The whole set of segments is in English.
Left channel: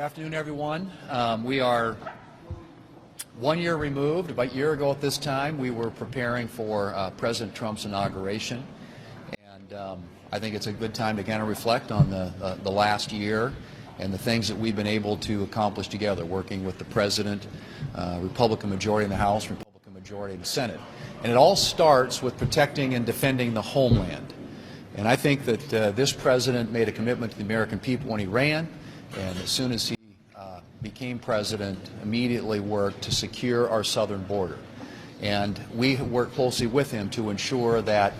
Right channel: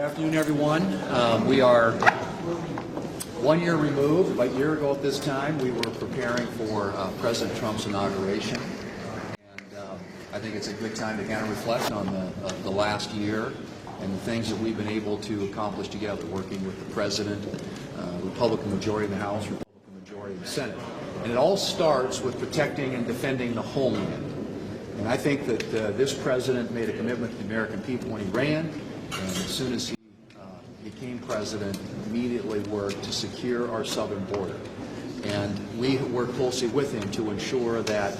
afternoon, everyone. We are 1 year removed. About a year ago at this time, we were preparing for President Trump's inauguration. And I think it's a good time to kind of reflect on the last year and the things that we've been able to accomplish together, working with the President, Republican majority in the House, Republican majority in the Senate. And it all starts with protecting and defending the homeland. And I think that this President made a commitment to the American people when he ran, and as soon as he became President, immediately worked to secure our southern border. And we worked closely with him to ensure that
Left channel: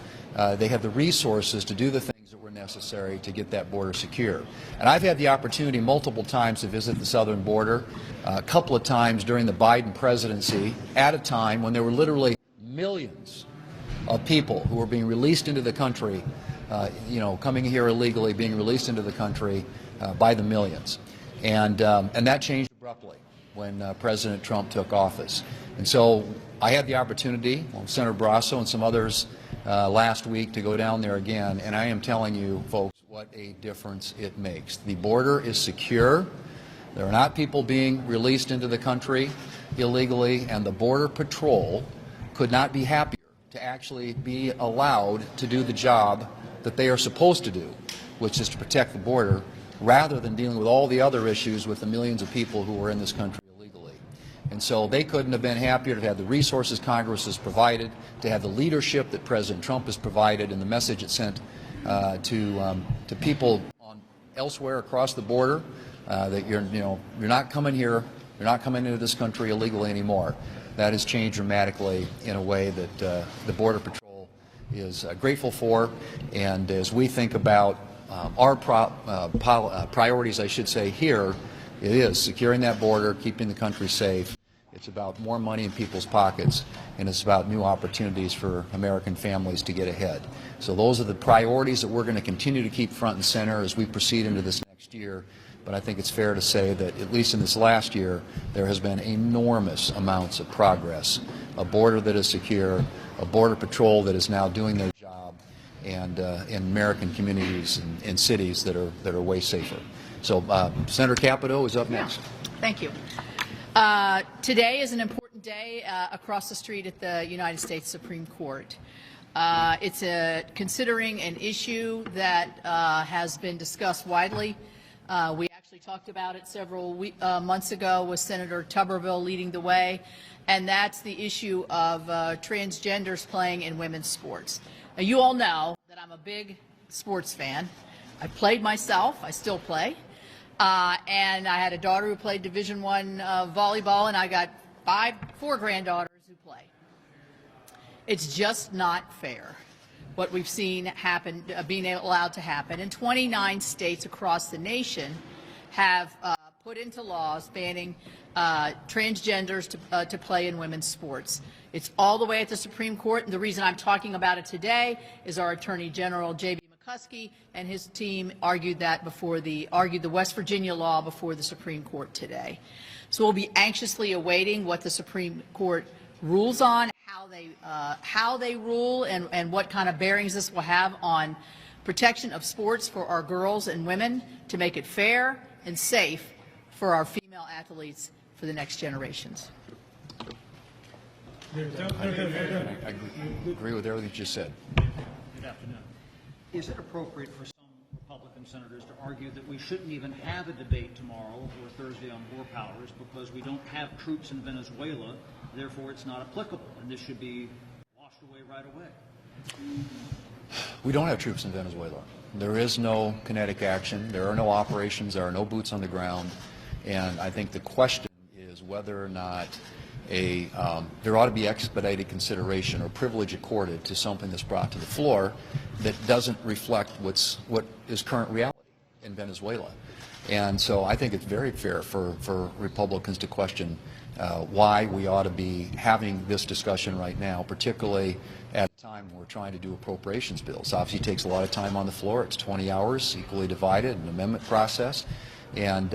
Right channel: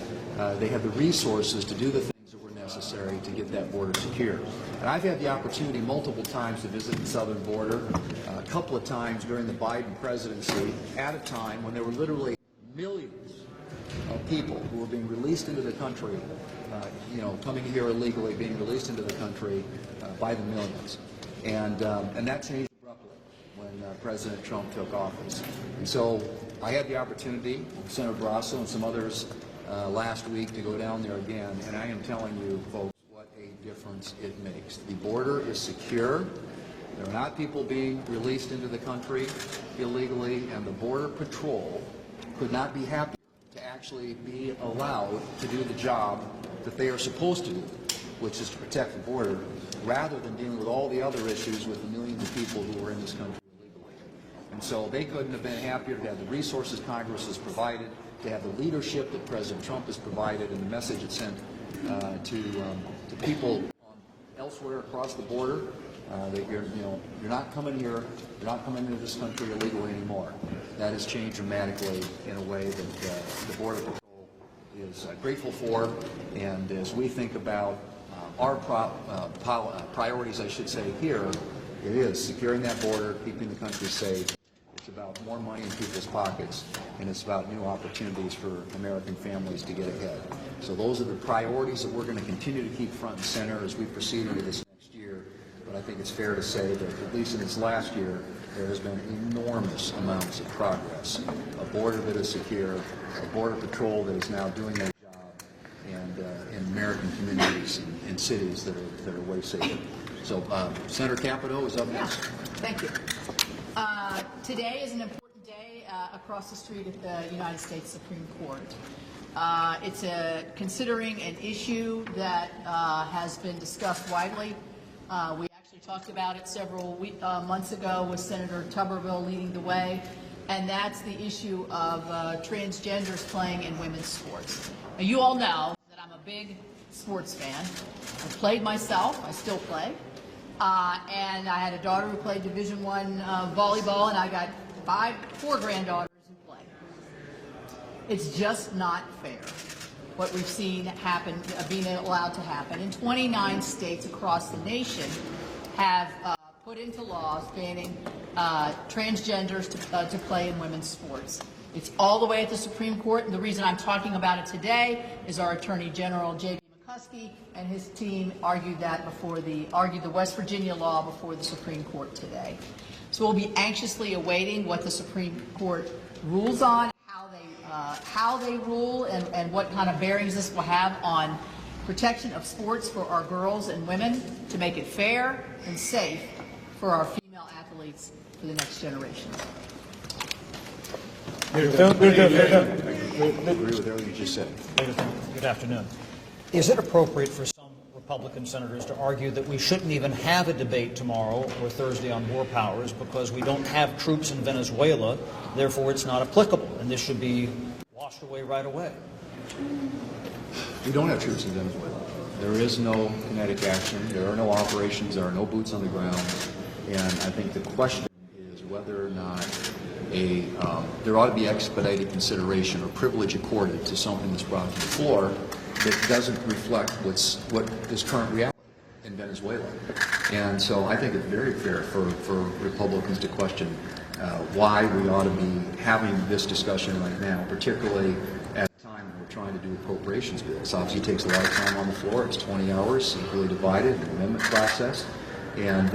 they have the resources to do the things that were necessary to get that border secure. And I've had the opportunity multiple times to visit the southern border, a couple of times during the Biden presidency, at a time when there were literally millions of people who were being released into the country, coming here illegally, being released into the country by the millions. And that changed abruptly when President Trump took office. And so I had the opportunity, with Senator Barrasso and some others last week, to go down there again, and I am telling you, folks, what a difference it makes. The border is secure. There are not people being released into the country illegally, and the Border Patrol could not be happier to actually be allowed to do the job that they are supposed to do, which is to protect the border, rather than dealing with all the other issues with the millions of people who are in this country illegally. And so they couldn't have been happier to have the resources Congress has provided, to have the leadership that President Trump has provided, and the message it sent to people elsewhere across the border that you're not coming here, you're not coming into this country illegally anymore. That has changed dramatically in a way that the Border Patrol is grateful for. And as we think about our priorities, I should say, here, it is securing that border, keeping the country safe. It's about more money in people's pockets, and it's about new opportunities for American families to get ahead. So those are the priorities that we're going to continue to keep front and center as we proceed into this next year. But I think it's fair to say that, at least in this last year, there has been enormous amounts of progress. A border that is secure, a Border Patrol that is now doing their job, and in American communities and cities that are way safer. So Senator Capito is up next. Thank you. Today is an important day across the street at the United States Supreme Court. It's considering an issue that has been discussed widely. We actually talked about it several months ago with Senator Tuberville leading the way, and that's the issue of transgenders playing in women's sports. Now, you all know that I'm a big sports fan. I played myself. I still play. And I had a daughter who played Division I volleyball, and I got four granddaughters who play. It's just not fair what we've seen happen, being allowed to happen. And 29 states across the nation have put into laws banning transgenders to play in women's sports. It's all the way at the Supreme Court, and the reason I'm talking about it today is our Attorney General, J.B. McCuskey, and his team argued the West Virginia law before the Supreme Court today. So we'll be anxiously awaiting what the Supreme Court rules on, how they rule, and what kind of bearings this will have on protection of sports for our girls and women, to make it fair and safe for our female athletes for the next generations. I agree with everything you just said. Good afternoon. Is it appropriate for some Republican senators to argue that we shouldn't even have a debate tomorrow or Thursday on war powers because we don't have troops in Venezuela, therefore it's not applicable, and this should be washed away right away? We don't have troops in Venezuela. There is no kinetic action. There are no operations. There are no boots on the ground. And I think the question is whether or not there ought to be expedited consideration or privilege accorded to something that's brought to the floor that doesn't reflect what is current reality in Venezuela. And so I think it's very fair for Republicans to question why we ought to be having this discussion right now, particularly at a time when we're trying to do appropriations bills. Obviously, it takes a lot of time on the floor. It's 20 hours, equally divided, an amendment process. And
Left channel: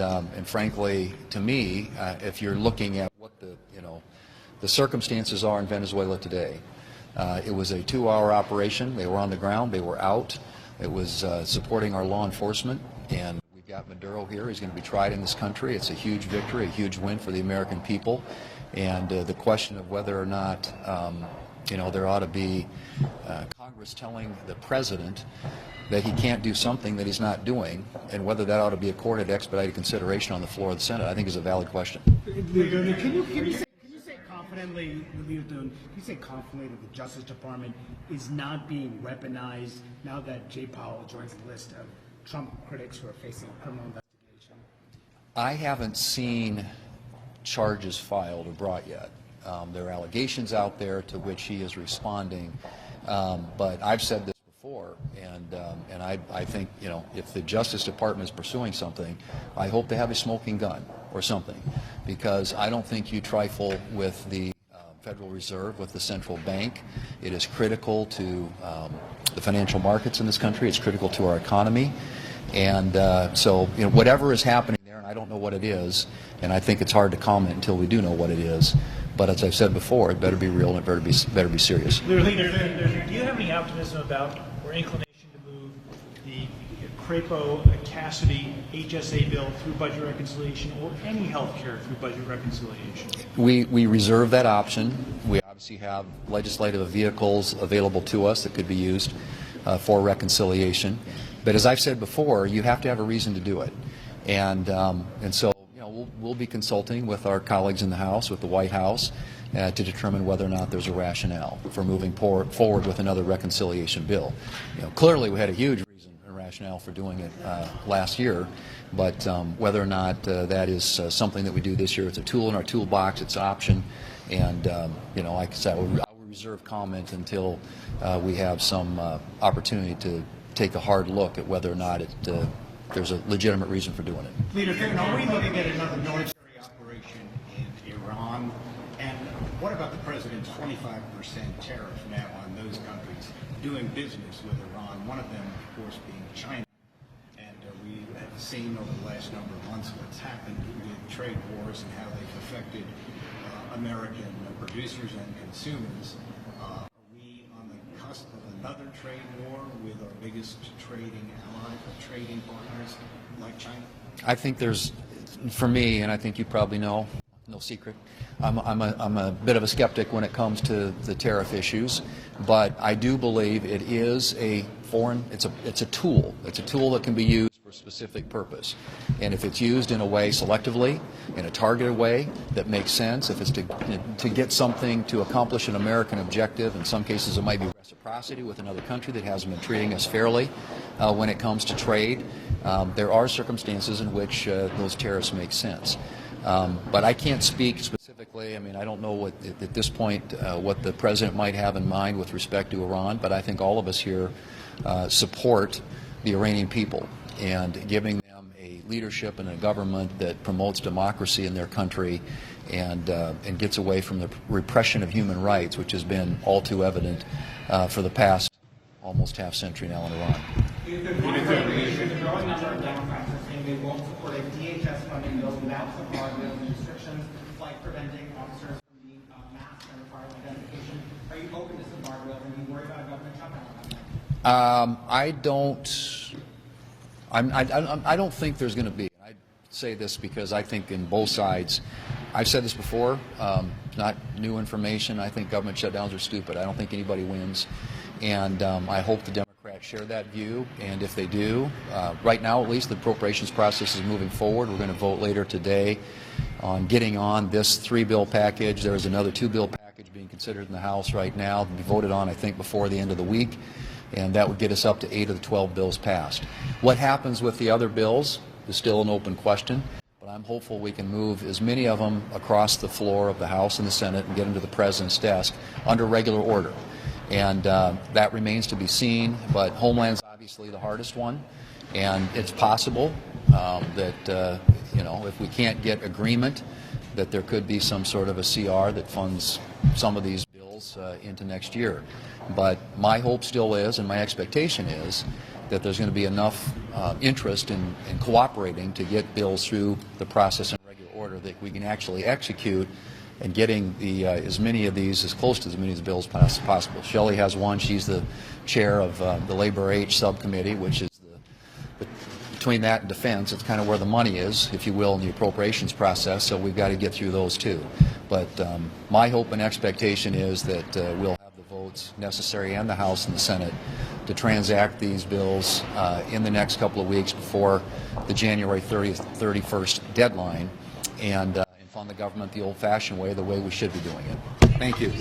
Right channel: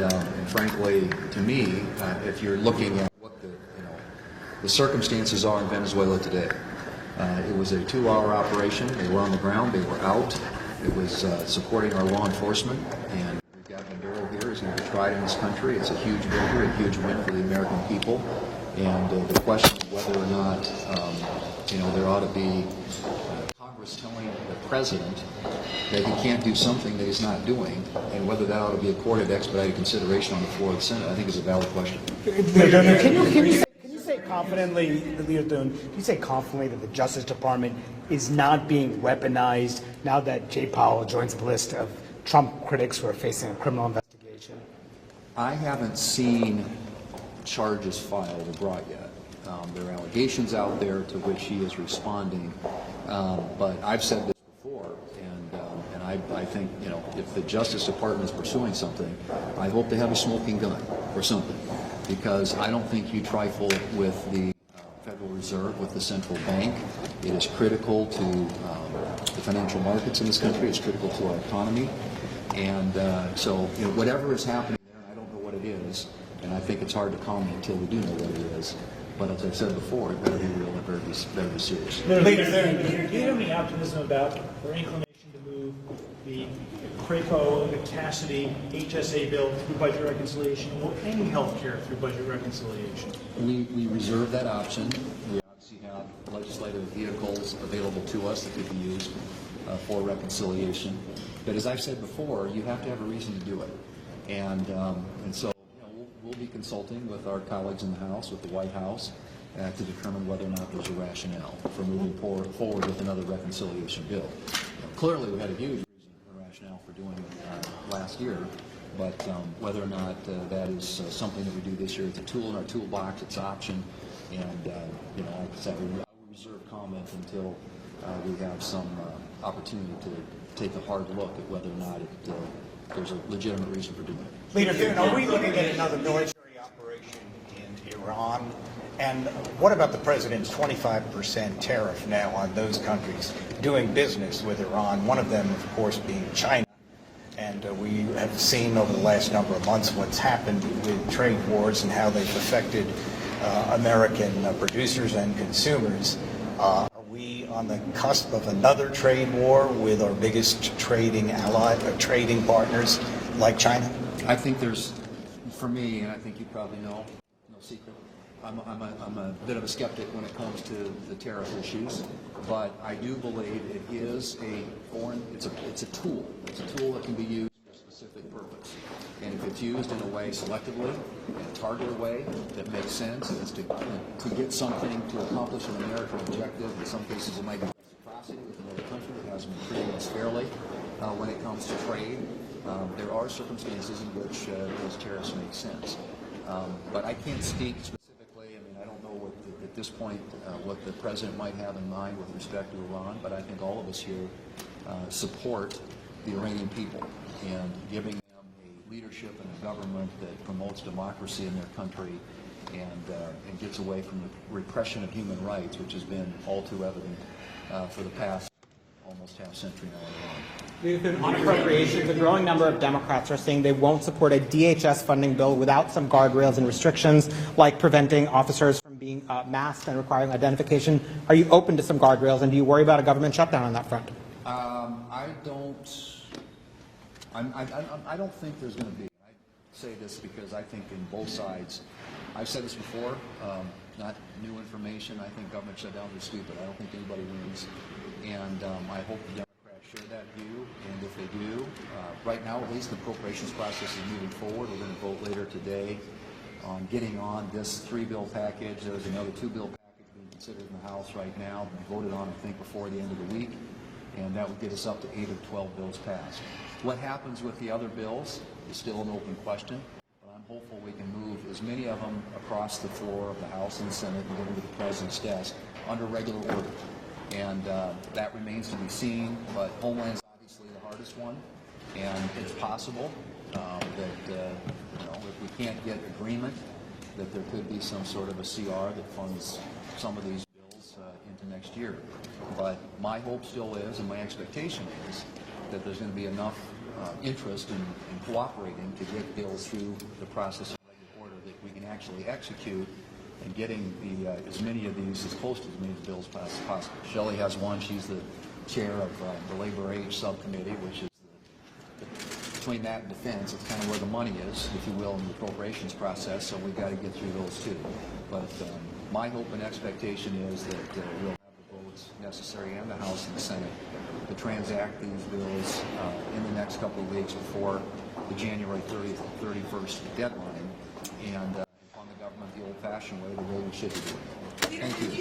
frankly, to me, if you're looking at what the circumstances are in Venezuela today, it was a 2-hour operation. They were on the ground. They were out. It was supporting our law enforcement, and we've Jack Maduro here is going to be tried in this country. It's a huge victory, a huge win for the American people. And the question of whether or not, there ought to be Congress telling the president that he can't do something that he's not doing, and whether that ought to be accorded expedited consideration on the floor of the Senate, I think is a valid question. Can you say confidently, Leader Thune, can you say confidently that the Justice Department is not being weaponized now that Jay Powell joins the list of Trump critics who are facing a criminal investigation? I haven't seen charges filed or brought yet. There are allegations out there to which he is responding, but I've said this before, and I think, if the Justice Department is pursuing something, I hope they have a smoking gun or something, because I don't think you trifle with the Federal Reserve, with the central bank. It is critical to the financial markets in this country. It's critical to our economy, and so whatever is happening there, and I don't know what it is, and I think it's hard to comment until we do know what it is. But as I've said before, it better be real and it better be serious. Do you have any optimism about or inclination to move the CRAPO, the Cassidy, HSA bill through budget reconciliation, or any health care through budget reconciliation? We reserve that option. We obviously have legislative vehicles available to us that could be used for reconciliation. But as I've said before, you have to have a reason to do it. And so we'll be consulting with our colleagues in the House, with the White House, to determine whether or not there's a rationale for moving forward with another reconciliation bill. Clearly, we had a huge reason and rationale for doing it last year, but whether or not that is something that we do this year, it's a tool in our toolbox, it's an option, and like I said, I will reserve comment until we have some opportunity to take a hard look at whether or not there's a legitimate reason for doing it. Leader Thune, are we looking at another military operation in Iran? And what about the president's 25% tariff now on those countries doing business with Iran, one of them, of course, being China? And we have seen over the last number of months what's happened with trade wars and how they've affected American producers and consumers. Are we on the cusp of another trade war with our biggest trading ally, trading partners like China? I think there's, for me, and I think you probably know, no secret, I'm a bit of a skeptic when it comes to the tariff issues, but I do believe it is a foreign, it's a tool. It's a tool that can be used for a specific purpose. And if it's used in a way selectively, in a targeted way that makes sense, if it's to get something to accomplish an American objective, in some cases it might be reciprocity with another country that hasn't been treating us fairly when it comes to trade. There are circumstances in which those tariffs make sense. But I can't speak specifically. I mean, I don't know what, at this point, what the president might have in mind with respect to Iran, but I think all of us here support the Iranian people and giving them a leadership and a government that promotes democracy in their country and gets away from the repression of human rights, which has been all too evident for the past almost half century now in Iran. On appropriations, a growing number of Democrats are saying they won't support a DHS funding bill without some guardrails and restrictions, like preventing officers from being masked and requiring identification. Are you open to some guardrails, and do you worry about a government shutdown on that front? I don't think there's going to be. I say this because I think in both sides, I've said this before, not new information. I think government shutdowns are stupid. I don't think anybody wins. And I hope the Democrats share that view. And if they do, right now at least the appropriations process is moving forward. We're going to vote later today on getting on this 3-bill package. There is another 2-bill package being considered in the House right now to be voted on, I think, before the end of the week. And that would get us up to 8 of the 12 bills passed. What happens with the other bills is still an open question. But I'm hopeful we can move as many of them across the floor of the House and the Senate and get them to the President's desk under regular order. And that remains to be seen, but Homeland's obviously the hardest one, and it's possible that if we can't get agreement, that there could be some sort of a CR that funds some of these bills into next year. But my hope still is, and my expectation is, that there's going to be enough interest in cooperating to get bills through the process in regular order that we can actually execute and getting as many of these, as close to as many of the bills as possible. Shelley has one. She's the chair of the Labor Age Subcommittee, which is the between that and defense, it's kind of where the money is, if you will, in the appropriations process, so we've got to get through those too. But my hope and expectation is that we'll have the votes necessary, and the House and the Senate, to transact these bills in the next couple of weeks before the January 30th, 31st deadline, and fund the government the old-fashioned way, the way we should be doing it. Thank you.